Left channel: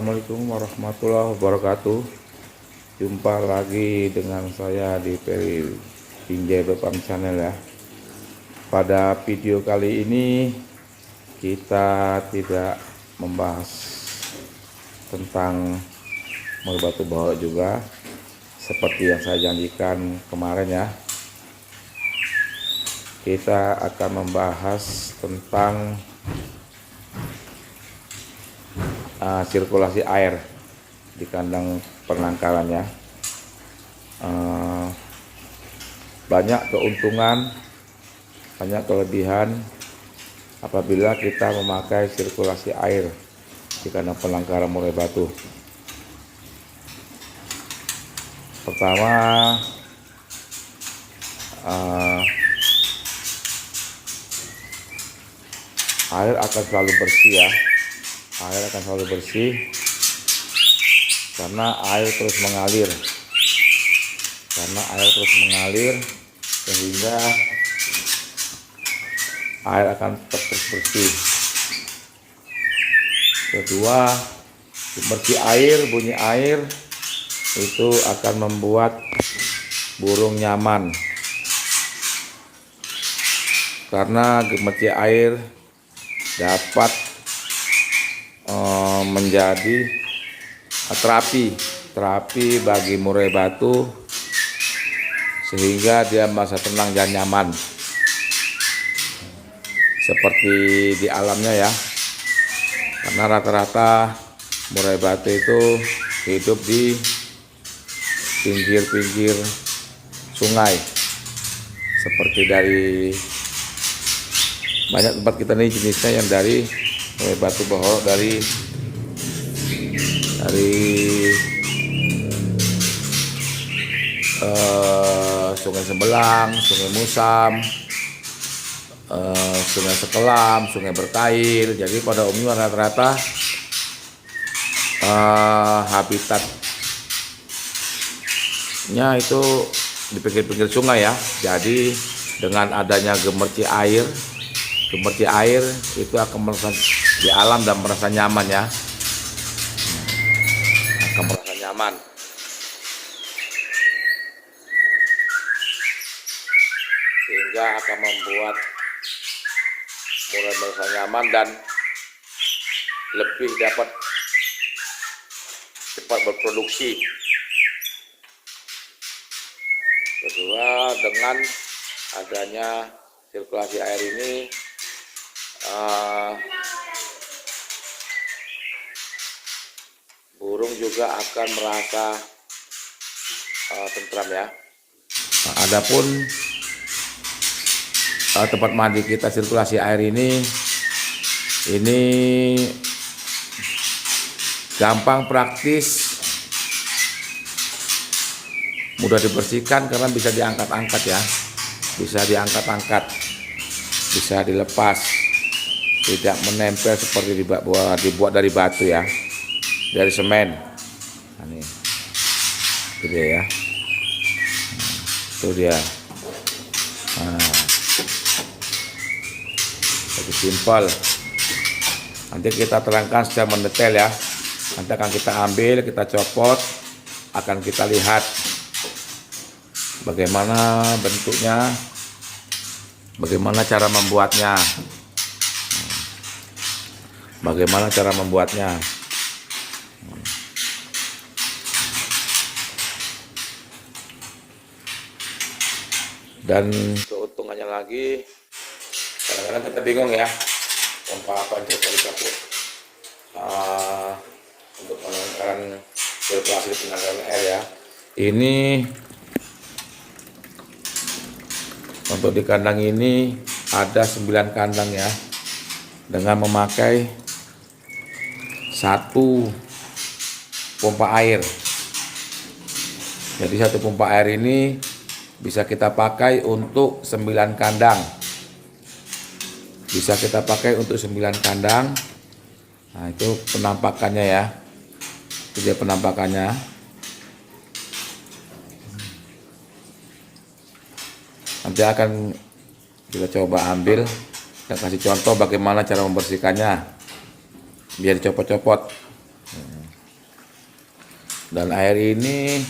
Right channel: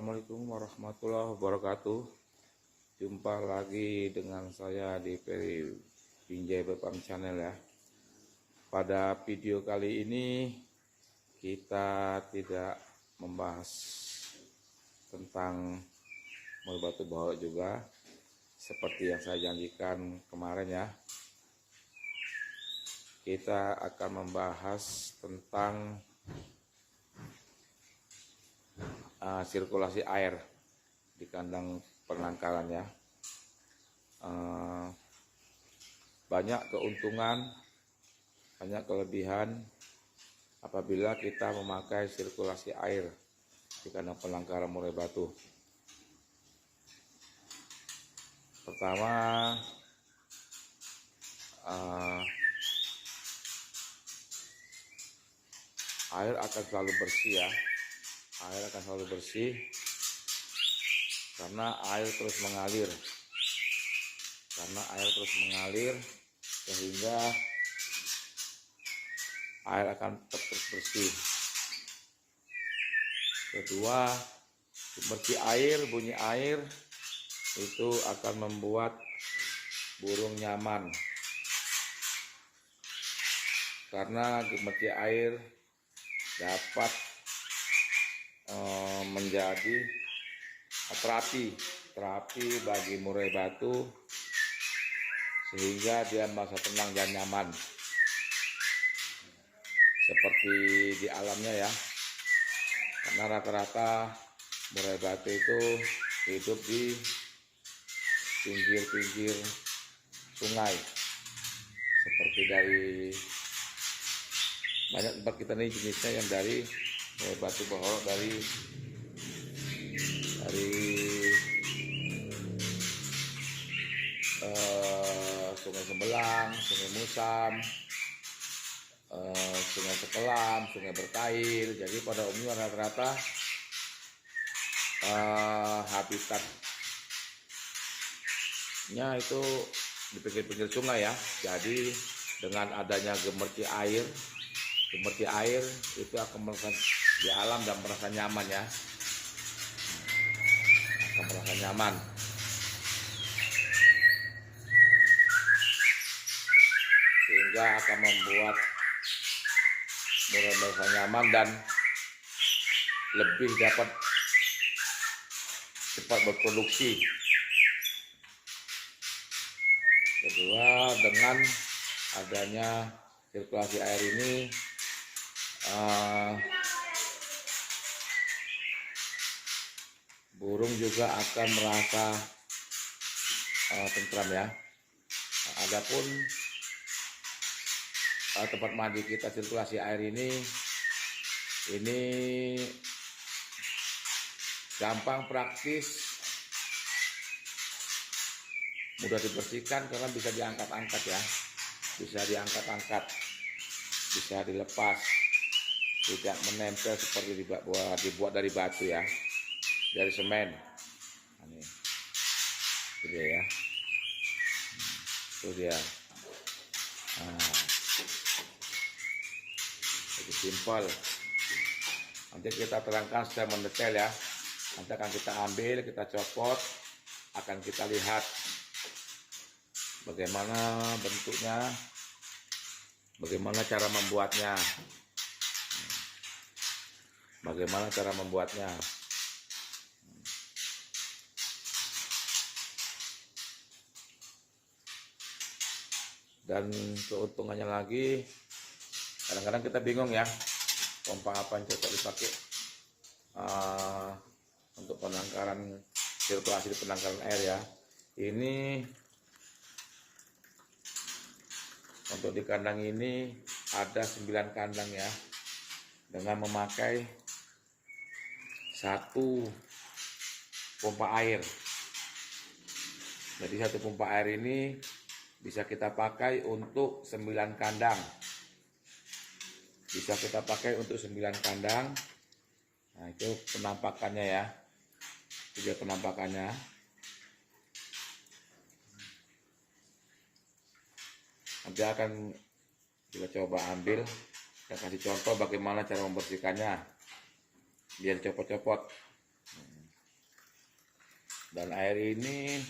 Assalamualaikum warahmatullahi wabarakatuh. Jumpa lagi dengan saya di Peri Pinjai Depan Channel ya. Pada video kali ini kita tidak membahas tentang batu bahwa juga seperti yang saya janjikan kemarin ya. Kita akan membahas tentang sirkulasi air di kandang penangkarannya. Banyak keuntungan, banyak kelebihan apabila kita memakai sirkulasi air di kandang penangkaran murai batu. Pertama, air akan selalu bersih ya. Air akan selalu bersih karena air terus mengalir. Sehingga air akan tetap terus bersih. Kedua, bunyi air itu akan membuat burung nyaman. Karena gemerci air dapat menjadi terapi bagi murai batu sehingga dia merasa tenang dan nyaman seperti di alamnya ya. Karena rata-rata murai batu itu hidup di pinggir-pinggir sungai, seperti dari banyak tempat kita nih jenisnya yang dari murai batu bohorok dari Sungai Sembelang, Sungai Musam, Sungai Sekelam, Sungai Berkail. Jadi pada umumnya rata-rata habitatnya itu di pinggir-pinggir sungai ya. Jadi dengan adanya gemerci air itu akan merasa di alam dan merasa nyaman ya. Sehingga akan membuat murai merasa nyaman dan lebih dapat cepat berproduksi. Kedua, dengan adanya sirkulasi air ini burung juga akan merasa tentram ya. Nah, adapun tempat mandi kita sirkulasi air ini gampang, praktis, mudah dibersihkan karena bisa diangkat-angkat ya, bisa dilepas, tidak menempel seperti dibuat dari batu ya, dari semen. Nah, ini itu dia ya. Itu dia. Jadi simpel. Nanti kita terangkan secara mendetail ya. Nanti akan kita ambil, kita copot, akan kita lihat bagaimana bentuknya, bagaimana cara membuatnya. Dan keuntungannya lagi, kadang-kadang kita bingung ya, pompa apa aja dicampur untuk menangkan sirkulasi tenaga air ya. Ini untuk di kandang ini ada 9 kandang ya, dengan memakai 1 pompa air. Jadi 1 pompa air ini bisa kita pakai untuk 9 kandang. Nah, itu penampakannya ya. Itu dia penampakannya. Nanti akan kita coba ambil dan kasih contoh bagaimana cara membersihkannya biar dicopot-copot. Dan air ini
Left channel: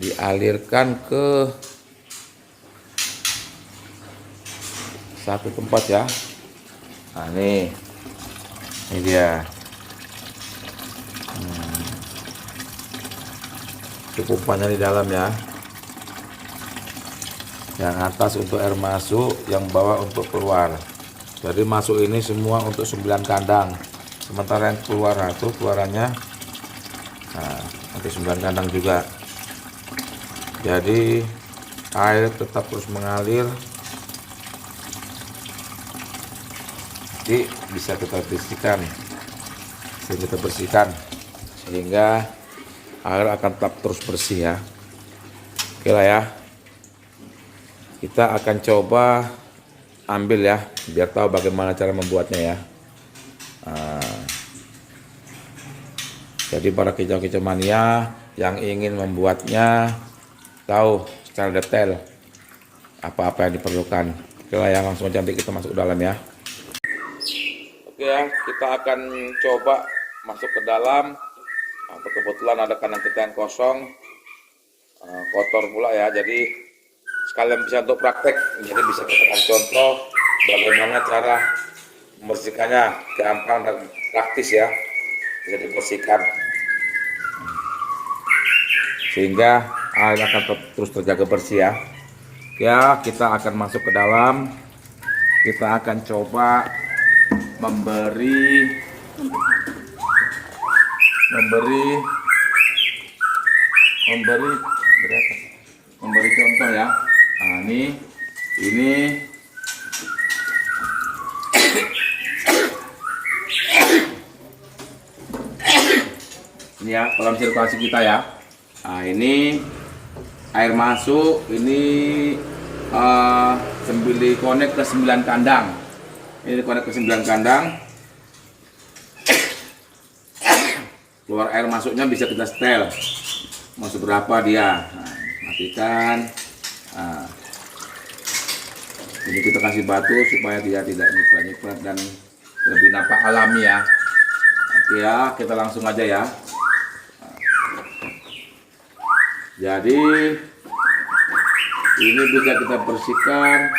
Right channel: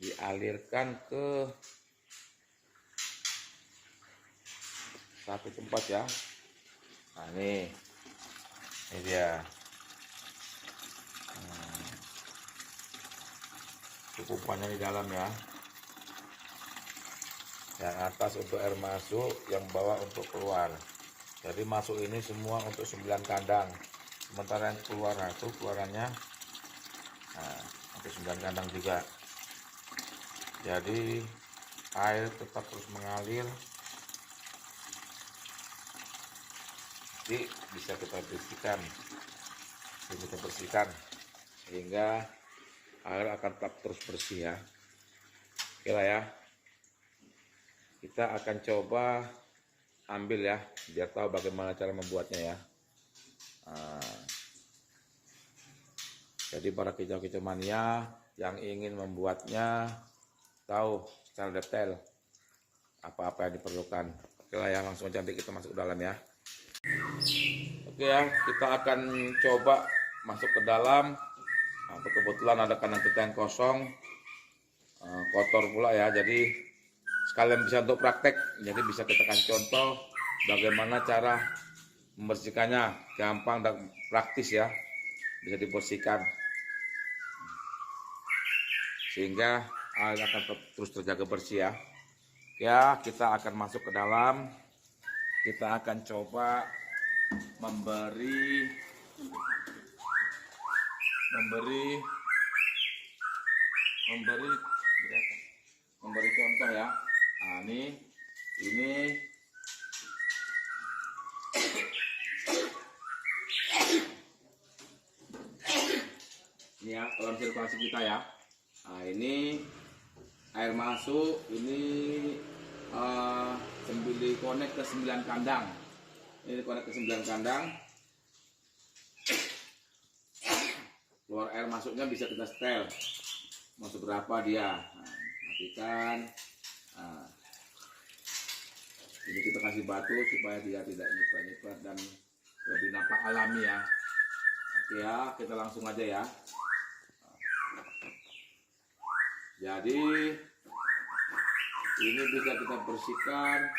dialirkan ke satu tempat ya. Nah ini dia. Cukupannya di dalam ya. Yang atas untuk air masuk, yang bawah untuk keluar. Jadi masuk ini semua untuk 9 kandang. Sementara yang keluar itu keluarannya untuk 9 kandang juga. Jadi air tetap terus mengalir. Jadi bisa kita bersihkan, sehingga air akan tetap terus bersih ya. Oke lah ya. Kita akan coba ambil ya, biar tahu bagaimana cara membuatnya ya. Jadi para kicau-kicau mania yang ingin membuatnya tahu secara detail apa-apa yang diperlukan. Oke lah ya, langsung aja nanti kita masuk ke dalam ya. Oke ya, kita akan coba masuk ke dalam. Kebetulan ada kandang kita yang kosong, kotor pula ya, jadi sekalian bisa untuk praktek. Jadi bisa kita kasih contoh bagaimana cara membersihkannya, gampang dan praktis ya, bisa dibersihkan sehingga air akan terus terjaga bersih ya. Ya, kita akan masuk ke dalam. Kita akan coba memberi contoh ya. Nah, ini ya kolam sirkulasi kita ya. Nah, ini air masuk, ini konek ke 9 kandang. Ini konek ke 9 kandang. Keluar air masuknya bisa kita setel. Mau seberapa dia. Nah, matikan. Nah, ini kita kasih batu supaya dia tidak nyiprat-nyiprat dan lebih nampak alami ya. Oke ya, kita langsung aja ya. Jadi ini bisa kita bersihkan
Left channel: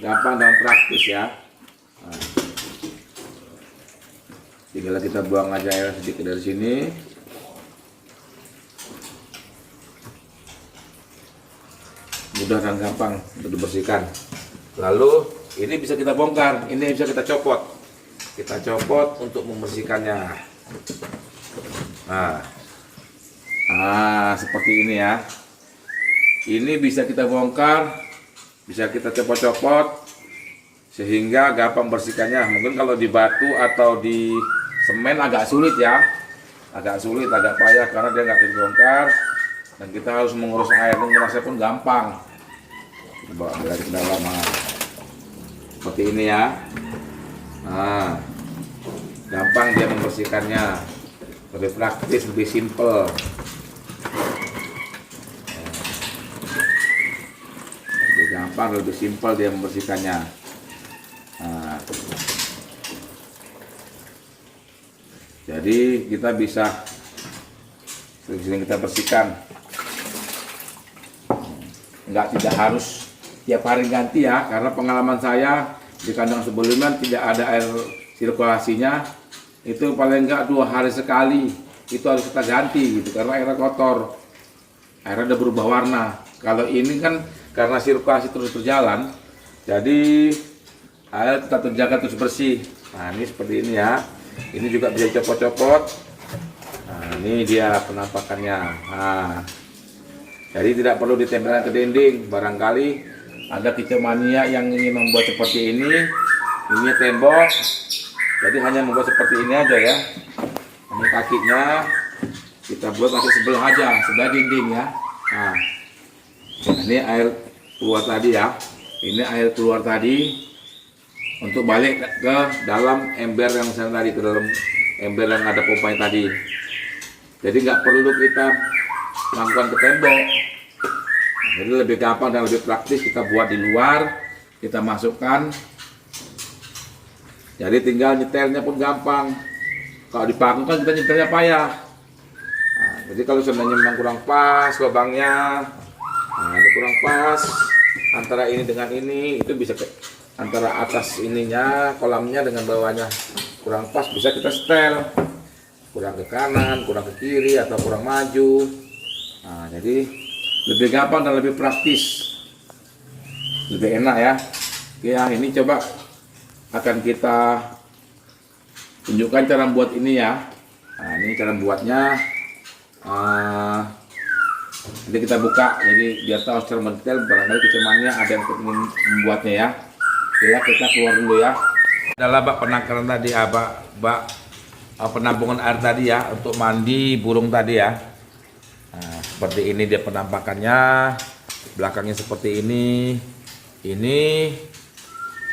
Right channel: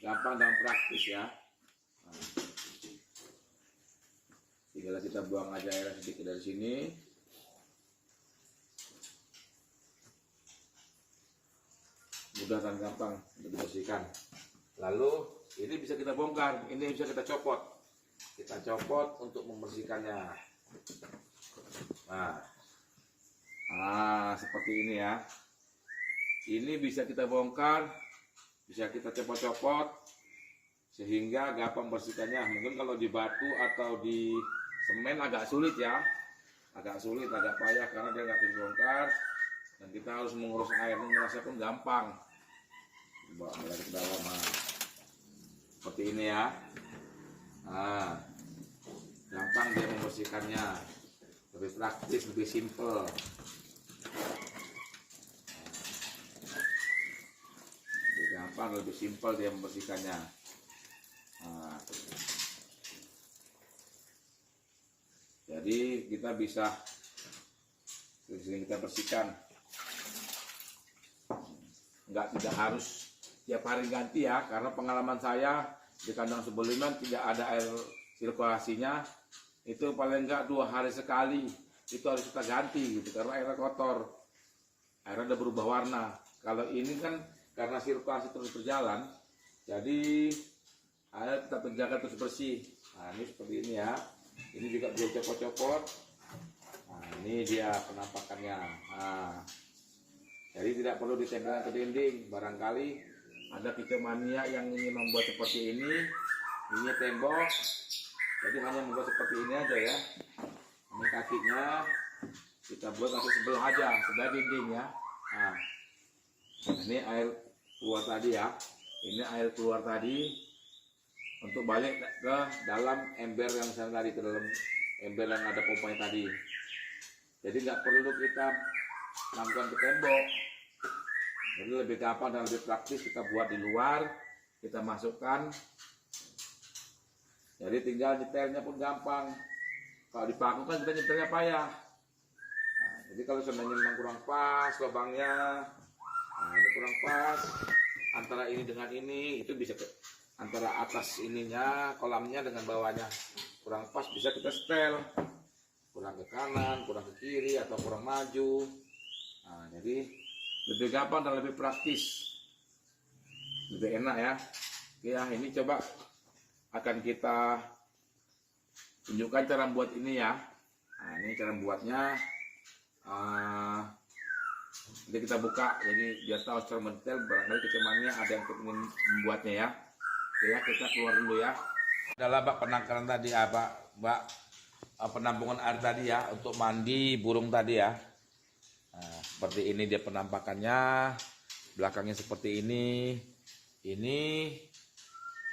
gampang dan praktis ya. Nah, tinggal kita buang aja air sedikit dari sini. Mudah dan gampang untuk dibersihkan. Lalu ini bisa kita bongkar, ini bisa kita copot. Kita copot untuk membersihkannya. Nah, seperti ini ya. Ini bisa kita bongkar, bisa kita copot-copot sehingga gampang bersihkannya. Mungkin kalau di batu atau di semen agak sulit ya, agak payah karena dia nggak dibongkar dan kita harus mengurus air. Mengurusnya pun gampang. Kita bawa dari ke dalam, seperti ini ya. Nah, gampang dia membersihkannya, lebih praktis, lebih simple. Lebih simpel dia membersihkannya. Nah, jadi kita bisa sering kita bersihkan. Tidak harus tiap hari ganti ya, karena pengalaman saya di kandang sebelumnya tidak ada air sirkulasinya. Itu paling enggak 2 hari sekali itu harus kita ganti gitu, karena airnya kotor, airnya udah berubah warna. Kalau ini kan karena sirkulasi terus berjalan, jadi air tetap terjaga terus bersih. Nah, ini seperti ini ya. Ini juga bisa copot-copot. Nah, ini dia penampakannya. Nah, jadi tidak perlu ditempelkan ke dinding. Barangkali ada kicau mania yang ingin membuat seperti ini. Ini tembok, jadi hanya membuat seperti ini aja ya. Ini kakinya kita buat pakai sebelah aja, sebelah dinding ya. Nah, ini air keluar tadi ya. Ini air keluar tadi untuk balik ke dalam ember yang sana tadi, ke dalam ember yang ada pompanya tadi. Jadi nggak perlu kita lakukan ke tembok. Jadi lebih gampang dan lebih praktis kita buat di luar, kita masukkan. Jadi tinggal nyetelnya pun gampang. Kalau di paku kan kita nyetelnya payah. Nah, Jadi kalau seandainya memang kurang pas lubangnya, nah ini kurang pas antara ini dengan ini, itu bisa antara atas ininya kolamnya dengan bawahnya kurang pas, bisa kita setel, kurang ke kanan, kurang ke kiri, atau kurang maju. Nah, jadi lebih gampang dan lebih praktis, lebih enak ya. Ya, ini coba akan kita tunjukkan cara buat ini ya. Nah, ini cara buatnya. Jadi kita buka, jadi biar tahu secara mendetail, barangkali kecumannya ada yang ingin membuatnya ya. Oke ya, kita keluar dulu ya. Adalah bak penangkaran tadi ya, bak penampungan air tadi ya, untuk mandi burung tadi ya. Nah, seperti ini dia penampakannya, belakangnya seperti ini. Ini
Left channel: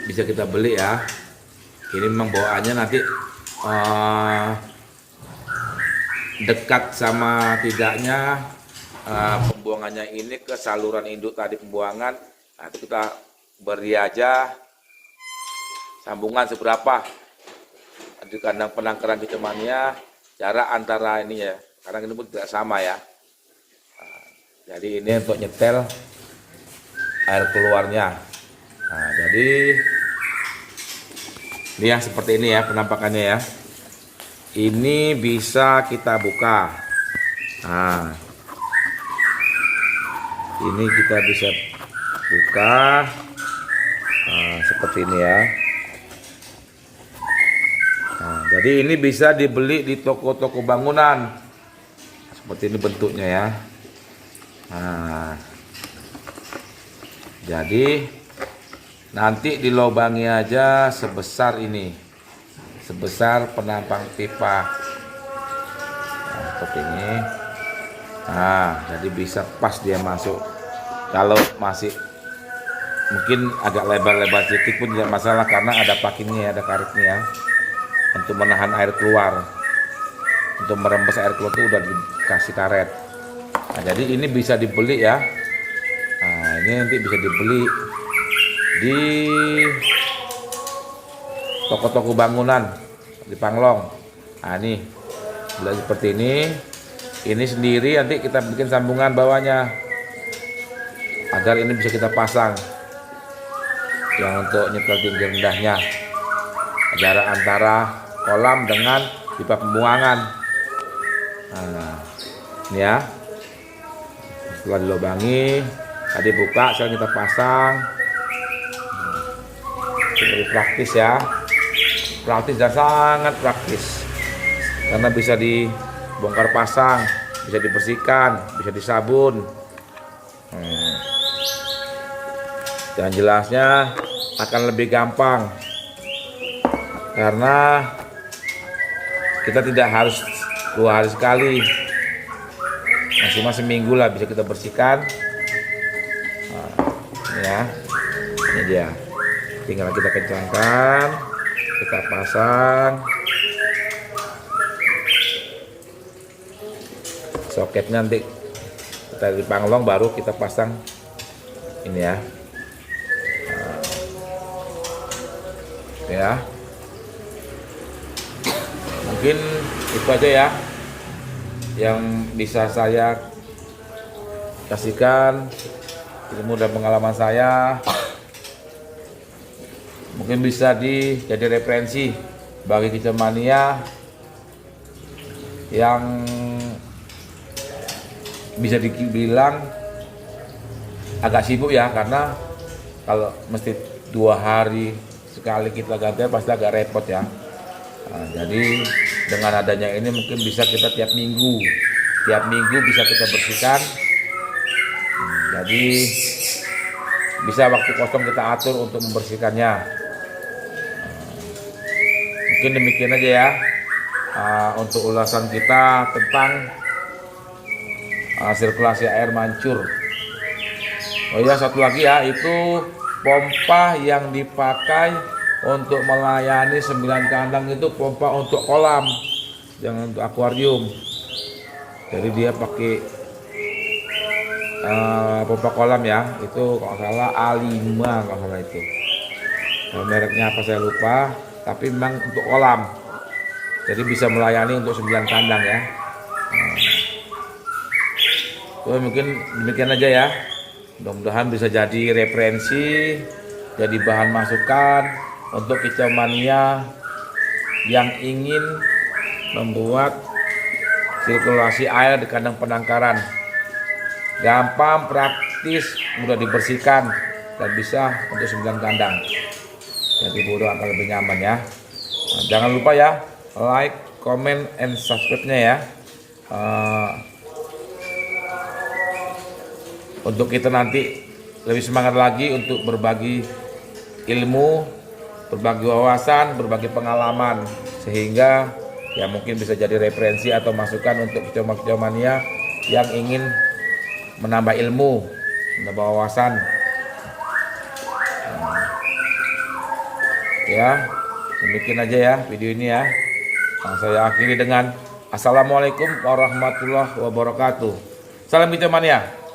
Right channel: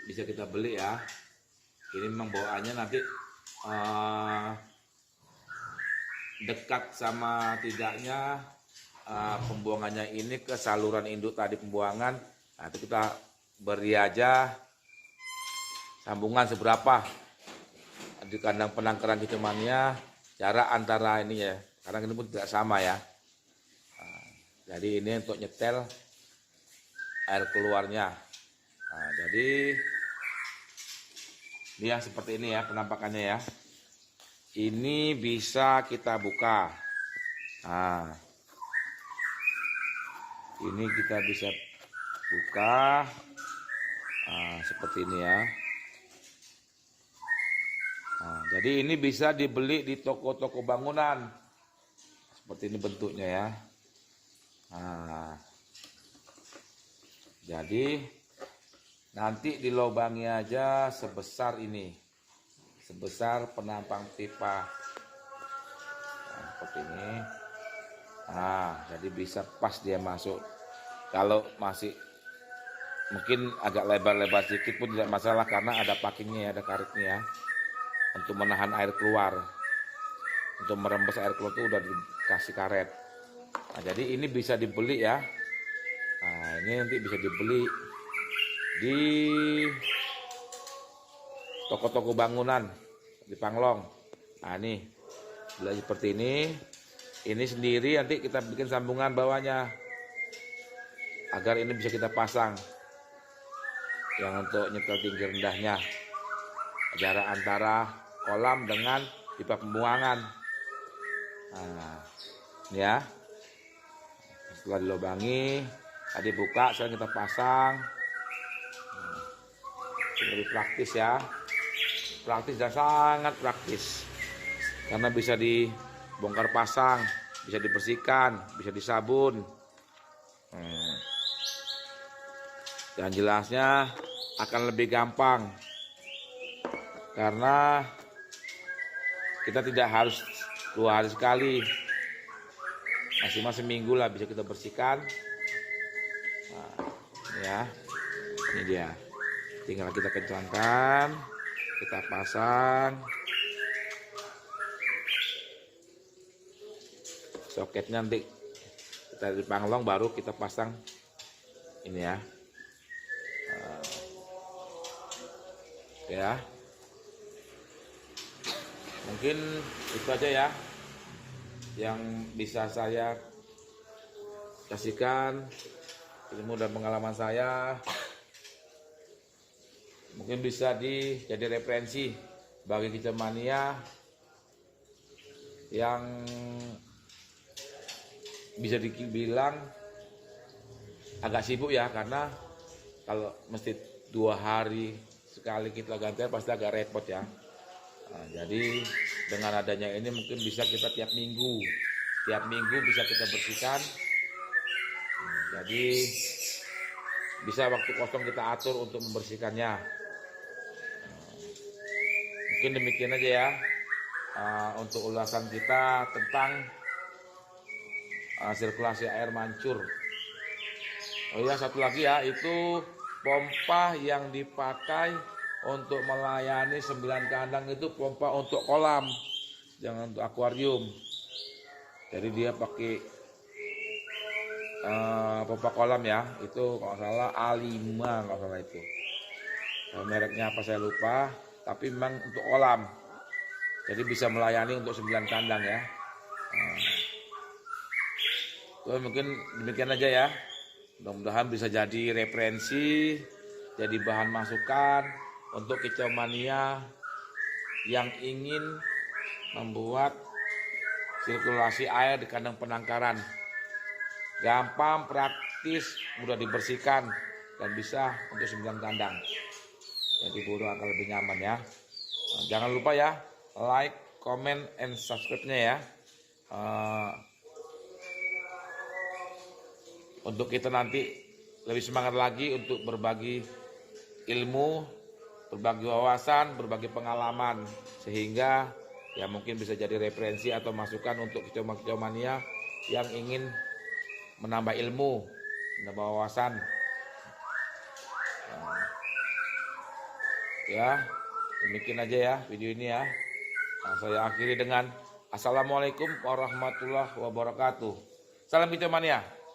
bisa kita beli ya. Ini memang bawaannya nanti dekat sama tidaknya pembuangannya ini ke saluran induk tadi pembuangan. Nah, itu kita beri aja sambungan seberapa di kandang penangkaran kecumannya, jarak antara ini ya, karena ini pun tidak sama ya. Nah, jadi ini untuk nyetel air keluarnya. Nah, jadi ini ya, seperti ini ya penampakannya ya. Ini bisa kita buka. Nah, ini kita bisa buka seperti ini ya. Nah, jadi ini bisa dibeli di toko-toko bangunan. Seperti ini bentuknya ya. Nah, jadi nanti dilobangi aja sebesar ini. Sebesar penampang pipa. Nah, seperti ini. Nah, jadi bisa pas dia masuk. Kalau masih mungkin agak lebar-lebar sedikit pun tidak masalah, karena ada pakingnya, ada karetnya ya, untuk menahan air keluar. Untuk merembes air keluar itu udah dikasih karet. Nah, jadi ini bisa dibeli ya. Nah, ini nanti bisa dibeli di toko-toko bangunan di Panglong. Nah, ini seperti ini. Ini sendiri nanti kita bikin sambungan bawahnya agar ini bisa kita pasang yang untuk nyetel tinggi rendahnya, jarak antara kolam dengan pipa pembuangan. Nah, ini ya, setelah dilubangi tadi buka, sekarang kita pasang. Lebih praktis ya, praktis dan sangat praktis, karena bisa dibongkar pasang, bisa dibersihkan, bisa disabun. Dan jelasnya akan lebih gampang karena kita tidak harus 2 hari sekali, maksimal seminggu lah bisa kita bersihkan. Nah, ini ya, ini dia, tinggal kita kencangkan, kita pasang soketnya, nanti kita di Panglong baru kita pasang ini ya. Ya, mungkin itu aja ya yang bisa saya kasihkan, ilmu dan pengalaman saya. Mungkin bisa jadi referensi bagi kicauania yang bisa dibilang agak sibuk ya, karena kalau mesti 2 hari sekali kita ganti pasti agak repot ya. Nah, jadi dengan adanya ini mungkin bisa kita tiap minggu bisa kita bersihkan. Jadi bisa waktu kosong kita atur untuk membersihkannya. Mungkin demikian aja ya untuk ulasan kita tentang sirkulasi air mancur. Oh ya, satu lagi ya, itu pompa yang dipakai untuk melayani 9 kandang itu pompa untuk kolam, jangan untuk akuarium. Jadi dia pakai pompa kolam ya, itu kalau salah A5 kalau salah itu. Mereknya apa saya lupa, tapi memang untuk kolam. Jadi bisa melayani untuk 9 kandang ya. So, mungkin demikian aja ya. Mudah-mudahan bisa jadi referensi, jadi bahan masukan untuk kicau mania yang ingin membuat sirkulasi air di kandang penangkaran. Gampang, praktis, mudah dibersihkan, dan bisa untuk 9 kandang. Jadi burung akan lebih nyaman ya. Nah, jangan lupa ya, like, comment, and subscribe-nya ya. Untuk kita nanti lebih semangat lagi untuk berbagi ilmu, berbagi wawasan, berbagi pengalaman, sehingga ya mungkin bisa jadi referensi atau masukan untuk kicau mania yang ingin menambah ilmu, menambah wawasan. Ya, demikian aja ya video ini ya. Saya akhiri dengan Assalamualaikum warahmatullahi wabarakatuh. Salam kicau mania.